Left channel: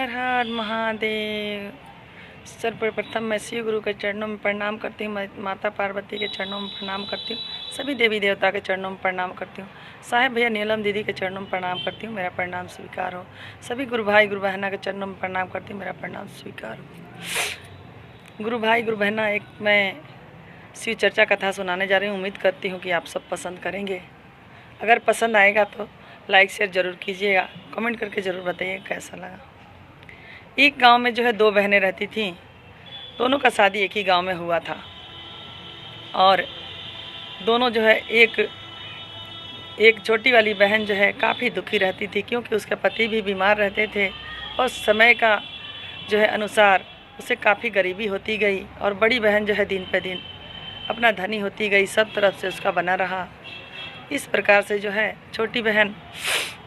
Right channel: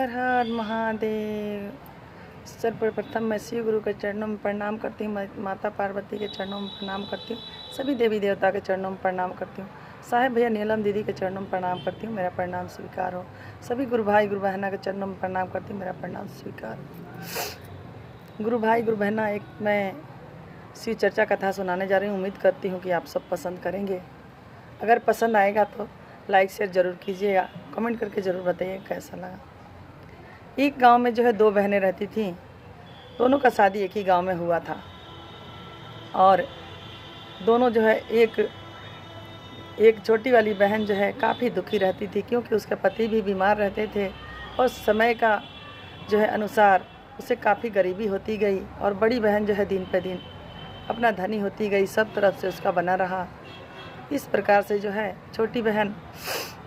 हर हर महादेव। सर्वप्रथम मैं शिव गुरु के चरणों में प्रणाम करती हूँ, माता पार्वती के चरणों में प्रणाम करती हूँ, सभी देवी देवता के चरणों में प्रणाम करती हूँ, साहेब भैया नीलम दीदी के चरणों में प्रणाम करती हूँ, मेरा प्रणाम स्वीकार हो। सभी गुरु भाई गुरु बहना के चरणों में प्रणाम करती हूँ, मेरा प्रणाम स्वीकार हो। गुरु भाई गुरु बहना, एक मैं शिव चर्चा कथा सुनाने जा रही हूँ। उम्मीद करती हूँ कि आप सब पसंद करेंगे। अगर पसंद आएगा तो लाइक शेयर ज़रूर कीजिएगा, कमेंट करके ज़रूर बताइए कैसा लगा। एक गांव में जो है दो बहनें रहती थीं। दोनों का शादी एक ही गांव में हुआ था और दोनों जो है एक छोटी वाली बहन जो है काफ़ी दुखी रहती थी, क्योंकि उसके पति भी बीमार रहते थे और समय का जो है अनुसार उसे काफ़ी गरीबी होती गई और बड़ी बहन जो है दिन पे दिन अपना धनी होती गई, सब तरफ से उसका बना रहा। इस प्रकार से जो है छोटी बहन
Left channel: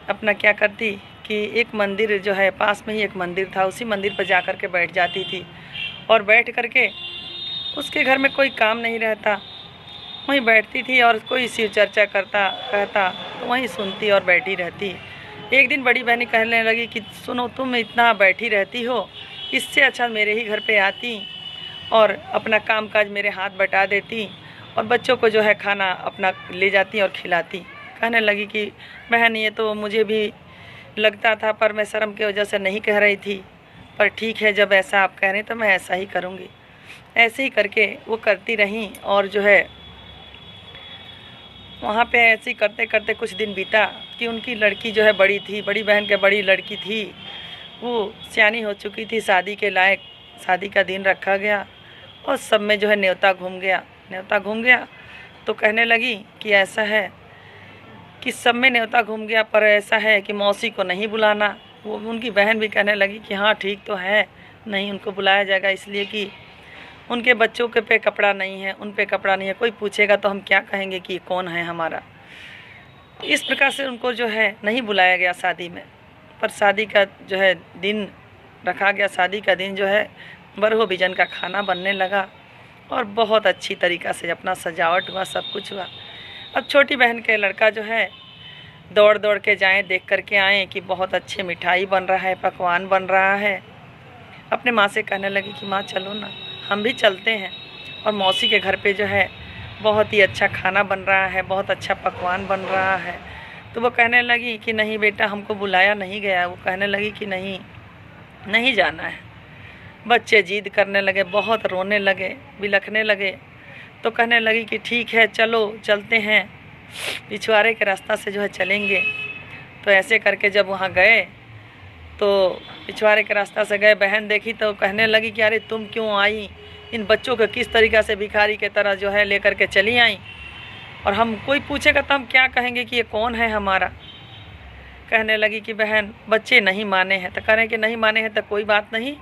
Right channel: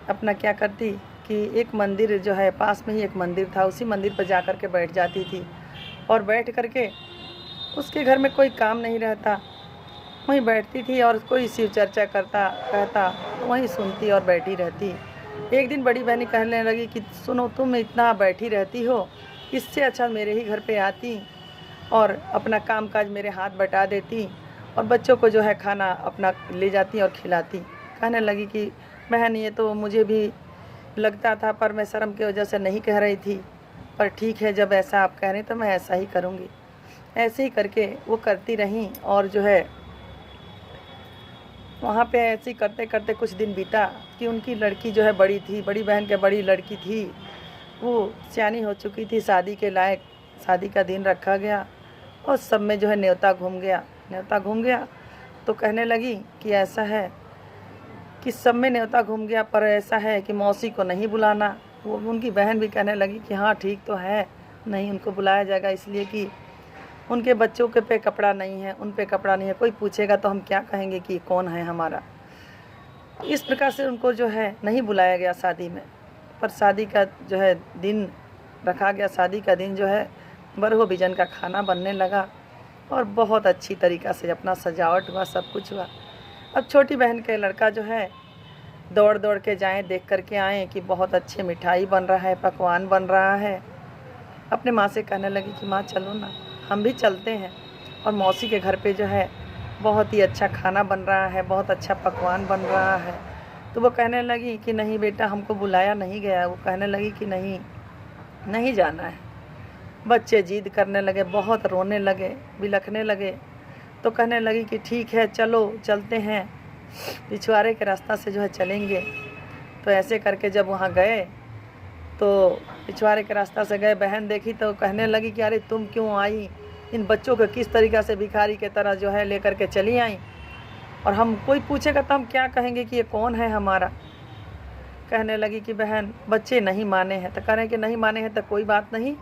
अपना क्या करती कि एक मंदिर जो है पास में ही एक मंदिर था, उसी मंदिर पर जा कर के बैठ जाती थी और बैठ कर के उसके घर में कोई काम नहीं रहता, वहीं बैठती थी और कोई शिव चर्चा करता कहता तो वहीं सुनती और बैठी रहती। एक दिन बड़ी बहनी कहने लगी कि सुनो, तुम इतना बैठी रहती हो, इससे अच्छा मेरे ही घर पे आती और अपना काम काज मेरे हाथ बटा देती और बच्चों को जो है खाना अपना ले जाती और खिलाती। कहने लगी कि बहन, ये तो मुझे भी लगता था पर मैं शर्म की वजह से नहीं कह रही थी, पर ठीक है, जब ऐसा आप कह रहे हैं तो मैं ऐसा ही करूँगी। ऐसे ही करके वो करती रहीं और जो है वहाँ पे ऐसे ही करते करते कुछ दिन बीता कि उनकी लड़की जो है बड़ी थी, बड़ी बहन के बड़ी लड़की थी, वो सियानी हो चुकी थी, शादी के लायक। शादी का दिन रखा गया और सब में जो है न्योता घूम गया तो कहने लगी कि ऐसा है कि सब में न्योता घूम गया, पर ऐसा है कि मौसी को नहीं बुलाना। वो उनकी बहन भी कहने लगी कि हाँ ठीक तो है, नहीं उनको बुलाया जाएगा, इसलिए कि उनके बच्चों के पे कपड़ा नहीं है, उन पे कपड़ा नहीं है, कोई पूछेगा तो हम क्या कहेंगे कि कौन है हमारा। इस प्रकार से उनको जो है नहीं बुलाया गया शादी में। पर शादी का जो है दिन रखा गया, शादी का दिन जो है बरहो बिजन का खाना बनने लगा और बहुत अच्छी तरीक़ा से अपना सजावट हुआ, सब कुछ हुआ। अब छोटी बहन के लड़का जो है दौड़ दौड़ के जाएँ, देख कर के आएँ कि बहुत अच्छी मिठाई बन रहा है, पकवान बन रहा है। अपने माँ से कहने लगी कि माँ चलो ना, हम भी चलते हैं और मौसी के घर पे जो है बहुत ही अच्छा खाना बन रहा है, बहुत अच्छा पकवान बन रहा है। तो वो कहने लगी कि नहीं बेटा, हमको बुलाया नहीं गया। वो कहने लगी कि नहीं, नहीं जाना है। बच्चे जिद करने लगे, बहुत रोने लगे, बिलखने लगे। तो कहने लगी कि ठीक है चलो चलते हैं, पिछवाड़े के रास्ता से जो है चलेंगे। तो ऐसे करके जब वहाँ गए तो पिछवाड़े के रास्ता से गए, बहन देखी तो कहने लगी कि अरे तुम क्यों आई, इन बच्चों को किस तरीक़ा से भिखारी के तरह जो है लेकर के चली आई, और हम कोई पूछेगा तो हम क्या कहेंगे कि ये कौन है हमारा। कहने लगी कि बहन बच्चे नहीं माने हैं। तो कह रहे हैं कि नहीं माने हैं तो कोई बात नहीं,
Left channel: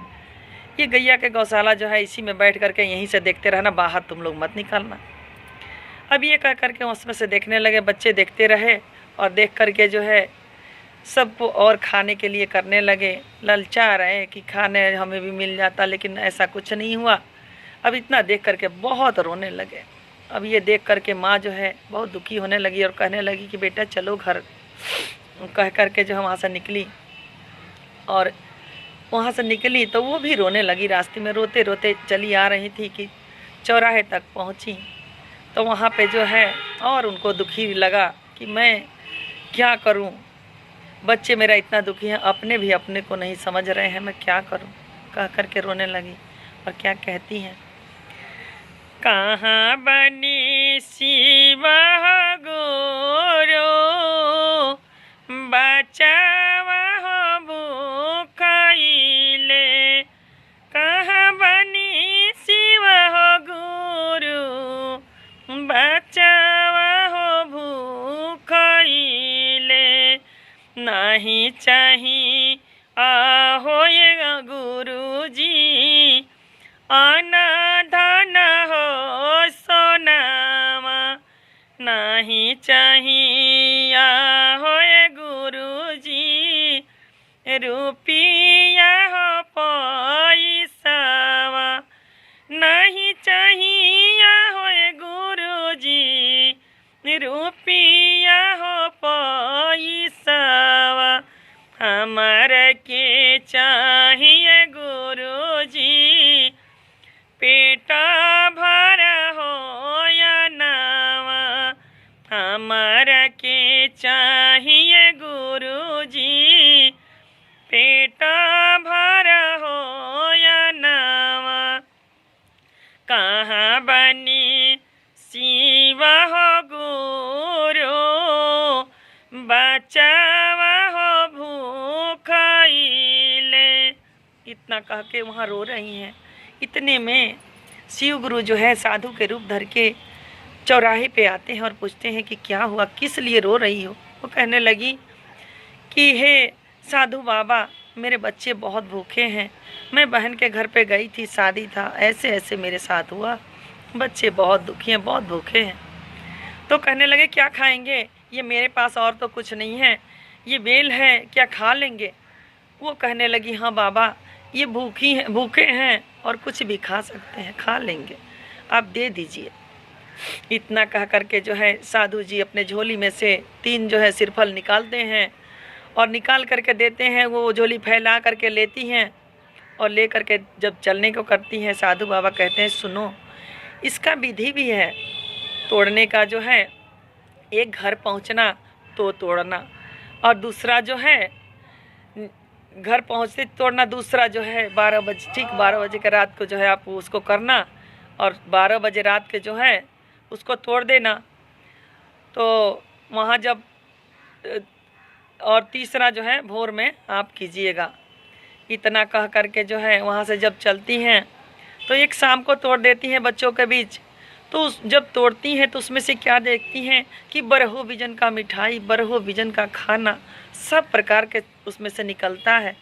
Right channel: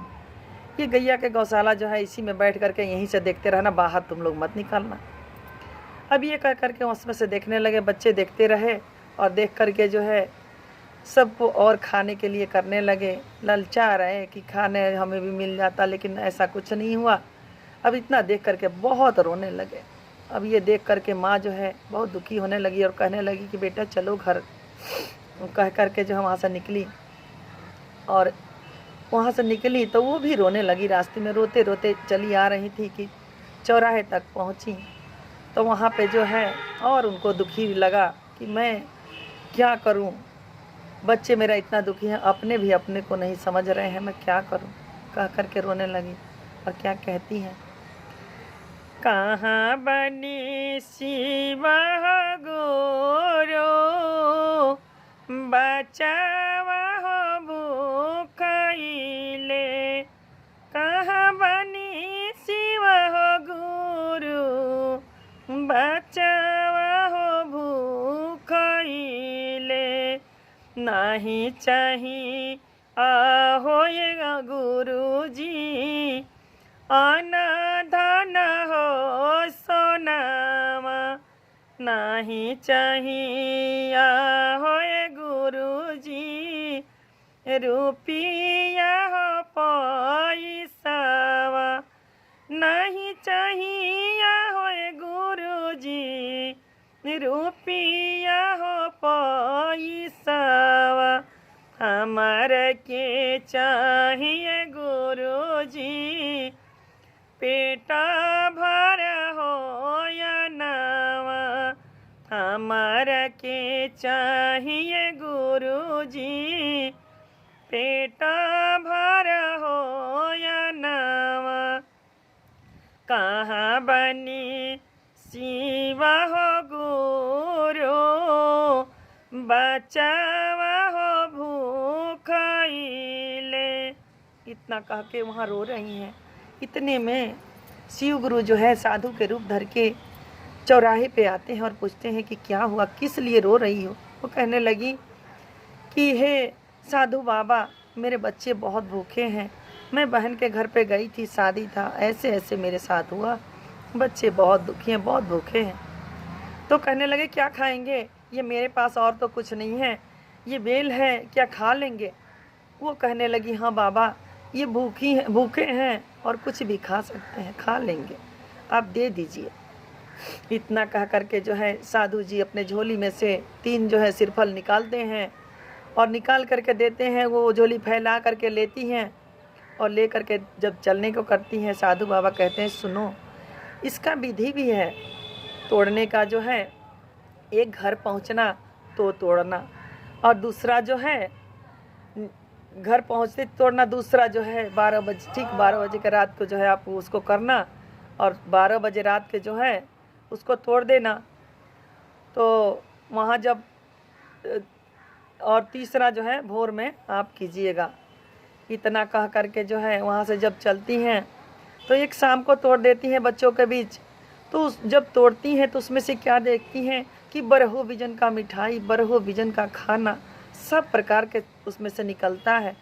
ये गैया के गौशाला जो है इसी में बैठ करके यहीं से देखते रहना, बाहर तुम लोग मत निकालना। अब ये कह करके उसमें से देखने लगे, बच्चे देखते रहे और देख करके जो है सबको और खाने के लिए करने लगे, ललचा रहे कि खाने हमें भी मिल जाता, लेकिन ऐसा कुछ नहीं हुआ। अब इतना देख करके बहुत रोने लगे। अब ये देख करके माँ जो है बहुत दुखी होने लगी और कहने लगी कि बेटा चलो घर। कह करके जो है वहाँ से निकली और वहाँ से निकली तो वो भी रोने लगी। रास्ते में रोते रोते चली आ रही थी कि चौराहे तक पहुँची तो वहाँ पे जो है और उनको दुखी लगा कि मैं क्या करूँ, बच्चे मेरा इतना दुखी हैं, अपने भी अपने को नहीं समझ रहे हैं, मैं क्या करूँ। कह करके रोने लगी और क्या कहती हैं, कहाँ बनी शिव गुरु बचावा हो भूखइले, कहाँ बनी शिव गुरु बचावा हो भूखइले, नहीं चाहिए होएगा गुरुजी अनाधान हो सोनामा, नहीं चाहिए होए गुरुजी रुपिया हो पैसावा, नहीं चाहिए होए गुरुजी रुपिया हो पैसावा, हमार के चाहिए पेटा भरा हो या नावा, कहाँ बनी शिवा हो गुरु, बचावा हो भूखाइले। इतना कह के वहाँ रो रही हैं। इतने में शिव गुरु जो है साधु के रूप धर के चौराहे पे आते हैं और पूछते हैं कि क्या हुआ, किस लिए रो रही हो। वो कहने लगी कि हे साधु बाबा, मेरे बच्चे बहुत भूखे हैं, मैं बहन के घर पे गई थी, शादी था, ऐसे ऐसे मेरे साथ हुआ, बच्चे बहुत दुखी हैं, बहुत भूखे हैं। तो कहने लगे क्या खाएंगे, ये मेरे पास और तो कुछ नहीं है, ये बेल है, क्या खा लेंगे। वो कहने लगी हाँ बाबा, ये भूखे हैं और कुछ भी खा सकते हैं, खा लेंगे, आप दे दीजिए। इतना कह करके जो है साधु जी अपने झोली में से 3 जो है सिरफल निकालते हैं और निकाल करके देते हैं। वो झोली फैला करके लेती हैं और ले करके जब चलने को करती हैं, साधु बाबा कहते हैं सुनो, इसका विधि भी है तोड़ने का। जो है एक घर पहुंचना तो तोड़ना, और दूसरा जो है घर पहुंचते तोड़ना, दूसरा जो है 12 बजे, ठीक 12 बजे के रात को जो है आप उसको करना, और 12 बजे रात के जो है उसको तोड़ देना। तो वहाँ जब और तीसरा जो है भोर में आप कीजिएगा। इतना कह करके जो है वहाँ से जब चलती हैं तो एक शाम को तोड़ देती हैं बच्चों के बीच। तो जब तोड़ती हैं तो उसमें से क्या देखती हैं कि बरहो बिजन का मिठाई, बरहो बिजन का खाना, सब प्रकार के उसमें से निकलता है।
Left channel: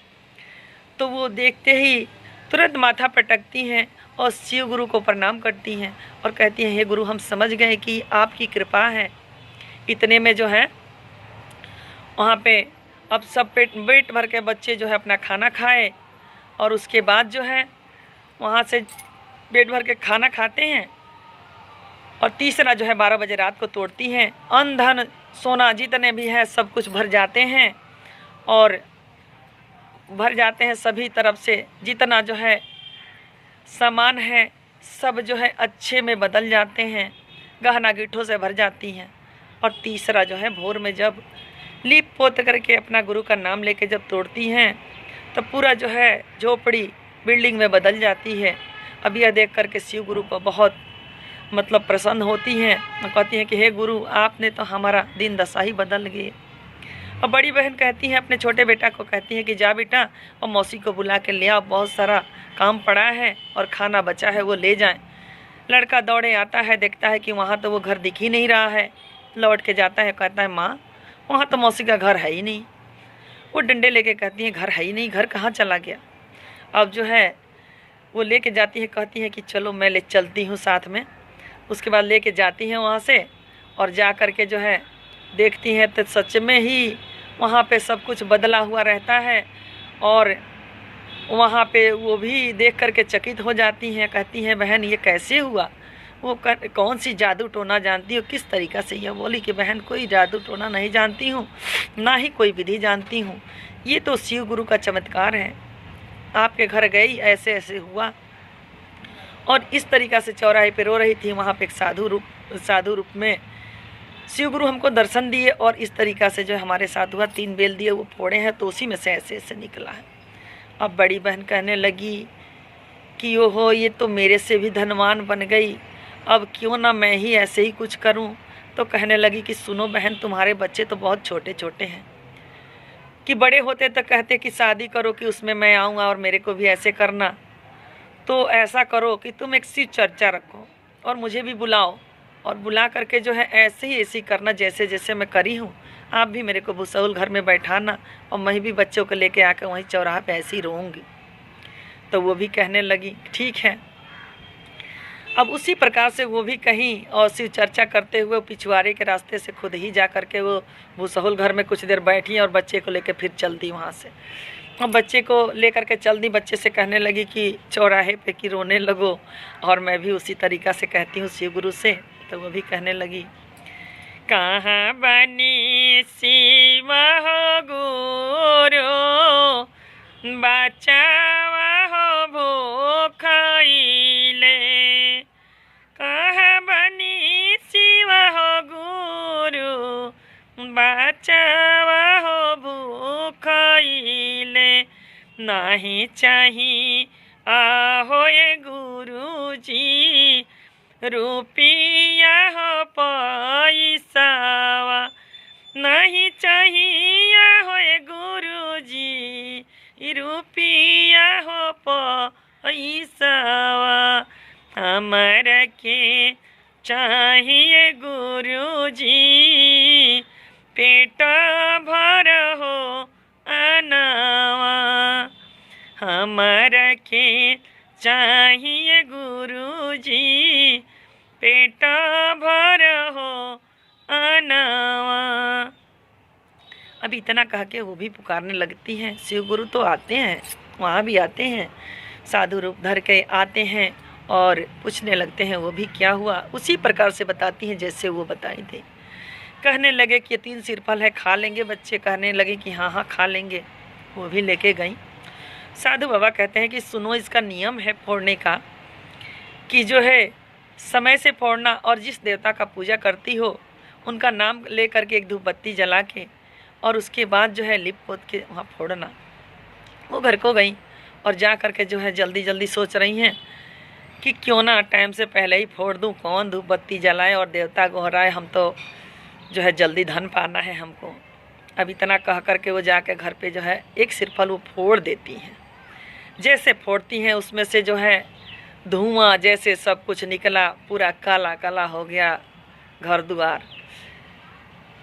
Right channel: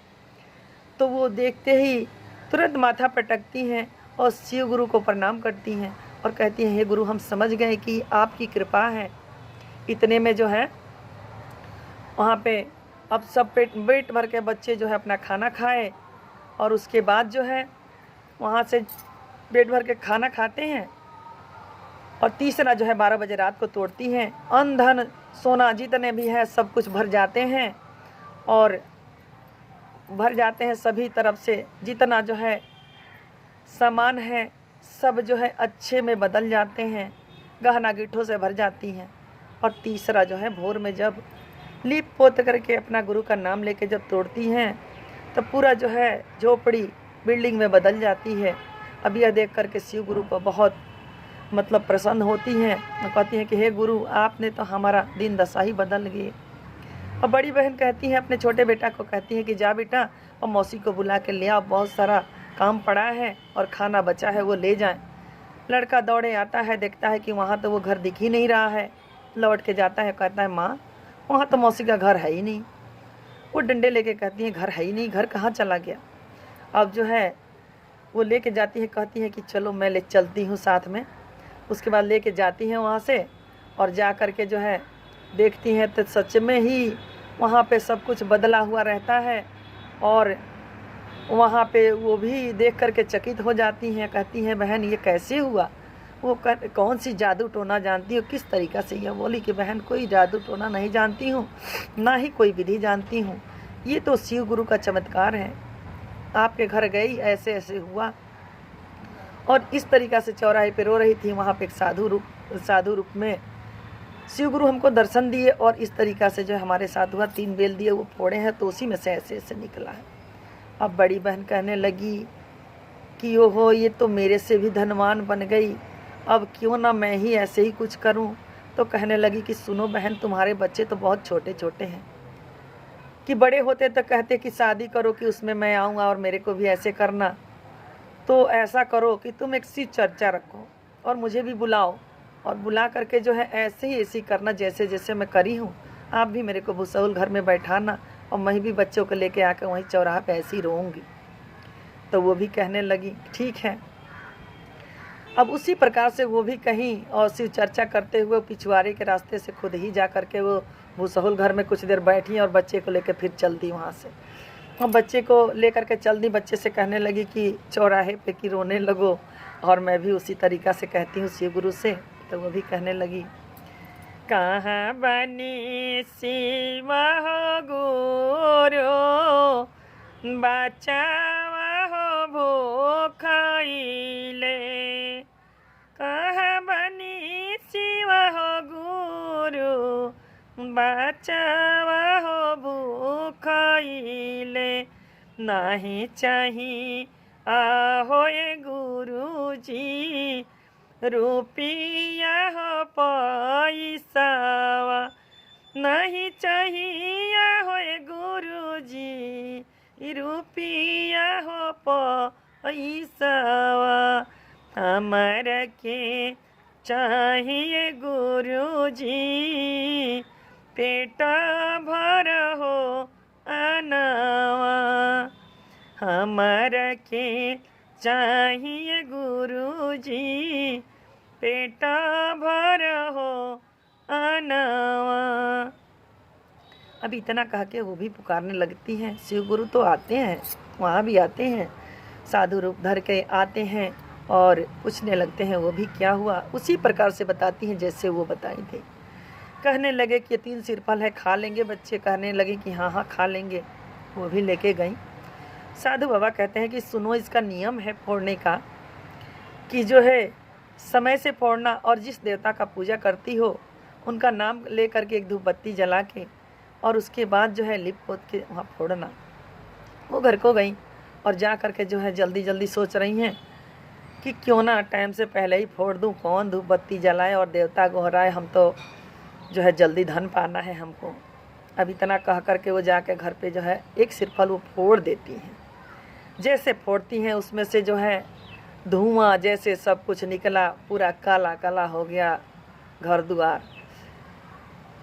तो वो देखते ही तुरंत माथा पटकती हैं और शिव गुरु को प्रणाम करती हैं और कहती हैं हे गुरु, हम समझ गए कि आपकी कृपा है। इतने में जो है वहाँ पे अब सब पेट भर के बच्चे जो है अपना खाना खाए, और उसके बाद जो है वहाँ से पेट भर के खाना खाते हैं। और तीसरा जो है 12 बजे रात को तोड़ती हैं। अन्न धन सोना जितने भी है सब कुछ भर जाते हैं, और भर जाते हैं सभी तरफ से, जितना जो है सामान है सब जो है अच्छे में बदल जाते हैं, गहना गिट्ठों से भर जाती हैं। और तीसरा जो है भोर में जब लीप पोत करके अपना गुरु का नाम लेके जब तोड़ती हैं तब पूरा जो है झोपड़ी बिल्डिंग में बदल जाती है। अब यह देख करके शिव गुरु को बहुत मतलब प्रसन्न होती हैं और कहती हैं कि हे गुरु, आपने तो हमारा दिन दशा ही बदल गई। और बड़ी बहन कहती हैं अपने छोटे बेटा को, कहती हैं कि जा बेटा और मौसी को बुला के ले आओ, बहुत सारा काम पड़ा है और खाना बचा है वो ले जाएं। लड़का दौड़े आता है, देखता है कि वहाँ तो वो घर दिख ही नहीं रहा है। लौट के जाता है, कहता है माँ वहाँ तो मौसी का घर है ही नहीं। वो डंडे लेके कहती हैं घर है ही नहीं, घर कहाँ चला गया। अब जो है वो लेके जाती है, कहती है कि चलो मैं ले चलती हूँ साथ में। उसके बाद लेके जाती हैं वहाँ से, और जा कर के जो है देखती हैं तो सच में ही वहाँ पे सब कुछ बदला हुआ रहता है। और वहाँ पे वो भी देख कर के चकित हो जाती हैं, कहती हैं बहन ये कैसे हुआ, वो कौन सी जादू टोना जानती हो, किस तरीक़ा से। यह बोली कि बहन कोई जादू टोना नहीं जानती हूँ, ना ही कोई विधि जानती हूँ, ये तो शिव गुरु का चमत्कार है। आपके घर गई ऐसे ऐसे हुआ। और इस तरीक़ा से चौराहे पे रो रही थी। वहाँ पे एक साधु रूप में शिव गुरु हमको दर्शन दिए, और इस तरीक़ा से जो हमारे साथ हुआ। 3 बेल दिए, वो फोड़े हैं तो उसी में से ऐसे ऐसे निकला है। अब बड़ी बहन कहने लगी कि ओहो, ये तो मेरे से भी धनवान बन गई, अब क्यों ना मैं ही ऐसे ही कुछ करूं। तो कहने लगी कि सुनो बहन, तुम्हारे बच्चे तो बहुत छोटे छोटे हैं, कि बड़े होते तो कहते कि शादी करो कि उसमें मैं आऊँगा और मेरे को भी ऐसे करना। तो ऐसा करो कि तुम एक सी चर्चा रखो और मुझे भी बुलाओ, और बुला करके जो है ऐसे ही ऐसी करना जैसे जैसे मैं करी हूँ। आप भी मेरे को भूसौल घर में बैठाना, और मैं भी बच्चों को लेके आकर वहीं चौराहा पे ऐसे ही रहूँगी। तो वो भी कहने लगी ठीक है। अब उसी प्रकार से वो भी कहीं और शिव चर्चा करते हुए पिछवाड़े के रास्ते से खुद ही जा करके वो भूसौल घर में कुछ देर बैठी और बच्चे को लेकर फिर चल दी वहाँ से। और बच्चे को लेकर के चल दी। बच्चे से कहने लगी कि चौराहे पे कि रोने लगो, और मैं भी उसी तरीक़ा से कहती हूँ शिव गुरु से। तो वो भी कहने लगी कहाँ बनी शिव हो गुरु, बचावा हो भूखाइले, कहाँ बनी शिव हो गुरु, बचावा हो भूखाइले। नहीं चाही आहो ये गुरुजी रुपया हो पैसावा, नहीं चाहिए हो ये गुरुजी रुपया हो पैसावा, हमारा के चाहिए गुरुजी पेट भर हो अनावा, हमारा के चाहिए गुरुजी पेट भर हो अनावा। अब इतना कह के वो भी पुकारने लगती हैं। शिव गुरु तो आते हैं, वहाँ भी आते हैं, साधु रूप धर के आते हैं और पूछने लगते हैं वो भी क्या हुआ। उसी प्रकार से बताती हैं जैसे वो बताई थे। कहने लगे कि 3 सिरफल है, खा लेंगे बच्चे। कहने लगे कि हाँ हाँ खा लेंगे। वो भी लेके गई। साधु बाबा कहते हैं कि सुनो, इसका नियम है फोड़ने का कि जो है समय से फोड़ना, और जिस देवता का पूजा करती हो उनका नाम ले करके एक धूप बत्ती जला के और उसके बाद जो है लिप पोत के वहाँ फोड़ना। वो घर को गई और जा करके जो है जल्दी जल्दी सोच रही हैं कि क्यों ना टाइम से पहले ही फोड़ दूँ, कौन धूप बत्ती जलाए और देवता गोहराए, हम तो जो है जल्दी धन पाना है हमको। अब इतना कह करके वो जाके घर पे जो है एक सिरफल वो फोड़ देती हैं। जैसे फोड़ती हैं उसमें से जो है धुआं जैसे सब कुछ निकला, पूरा काला काला हो गया घर द्वार।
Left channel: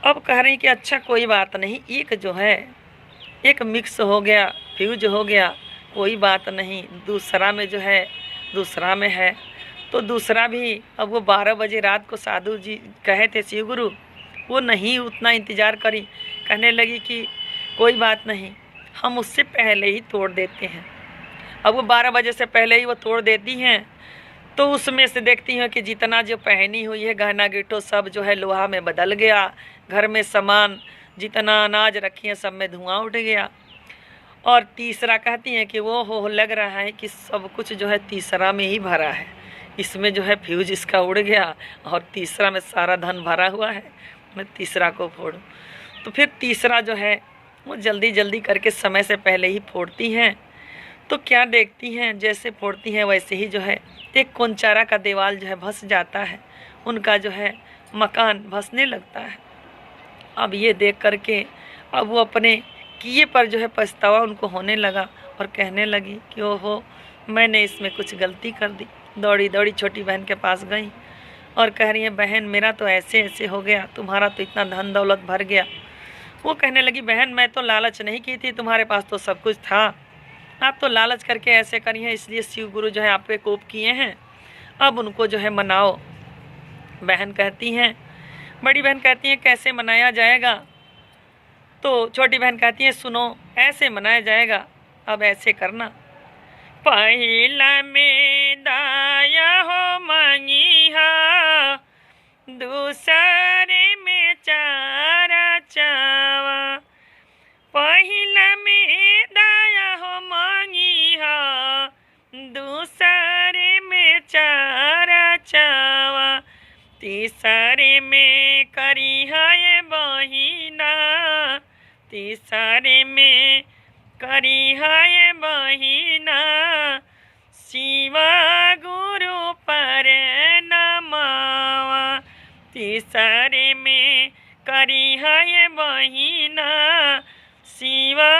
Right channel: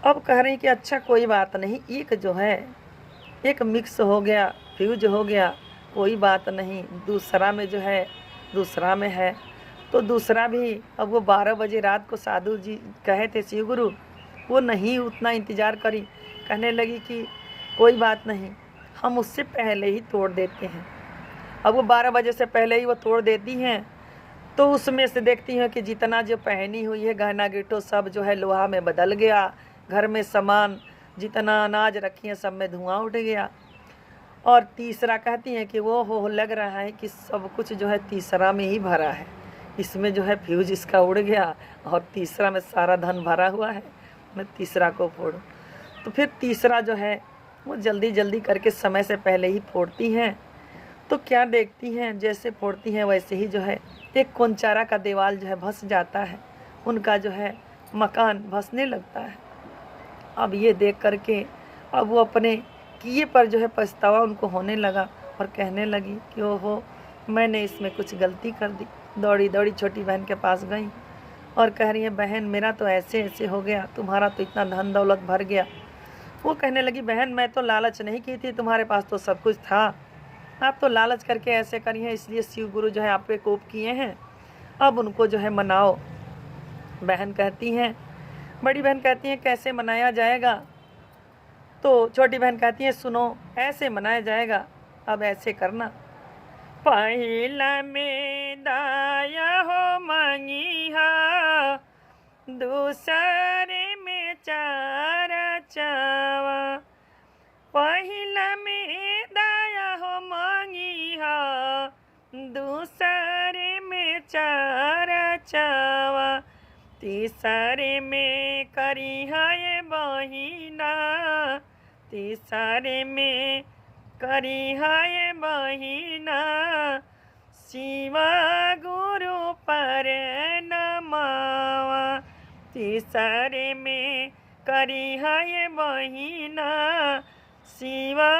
अब कह रही कि अच्छा कोई बात नहीं, एक जो है एक मिक्स हो गया, फ्यूज हो गया, कोई बात नहीं। दूसरा में जो है दूसरा में है तो दूसरा भी। अब वो 12 बजे रात को साधु जी कहे थे शिव गुरु, वो नहीं उतना इंतज़ार करी। कहने लगी कि कोई बात नहीं, हम उससे पहले ही तोड़ देते हैं। अब वो 12 बजे से पहले ही वो तोड़ देती हैं तो उसमें से देखती हैं कि जितना जो पहनी हुई है गहना गिटो सब जो है लोहा में बदल गया। घर में सामान जितना अनाज रखी है सब में धुआं उठ गया। और तीसरा कहती हैं कि वो हो लग रहा है कि सब कुछ जो है तीसरा में ही भरा है, इसमें जो है फ्यूज इसका उड़ गया और तीसरा में सारा धन भरा हुआ है, मैं तीसरा को फोड़ूं। तो फिर तीसरा जो है वो जल्दी जल्दी करके समय से पहले ही फोड़ती हैं। तो क्या देखती हैं, जैसे फोड़ती हैं वैसे ही जो है एक कोंचारा का दीवाल जो है धंस जाता है, उनका जो है मकान धंसने लगता है। अब ये देख करके अब वो अपने किए पर जो है पछतावा उनको होने लगा और कहने लगी कि ओहो मैंने इसमें कुछ गलती कर दी। दौड़ी दौड़ी छोटी बहन के पास गई और कह रही है बहन मेरा तो ऐसे ऐसे हो गया, तुम्हारा तो इतना धन दौलत भर गया। वो कहने लगी बहन मैं तो लालच नहीं की थी, तुम्हारे पास तो सब कुछ था, आप तो लालच करके ऐसे करी हैं, इसलिए शिव गुरु जो है आप पे कोप किए हैं, अब उनको जो है मनाओ। बहन कहती हैं, बड़ी बहन कहती हैं कैसे मनाया जाएगा। तो छोटी बहन कहती है सुनो ऐसे मनाया जाएगा, अब ऐसे करना। पहिला में दाया हो मांगिहा, दूसरे में चारा चावा। पहिला में दाया हो मांगिहा, दूसरे में चारा चावा। तीसरे में करिहा ये बहिना, तीसरे में करिहा ये बहिना। शिवा गुरु पर नमावा, तीसरे में करिहा ये बहिना। शिवा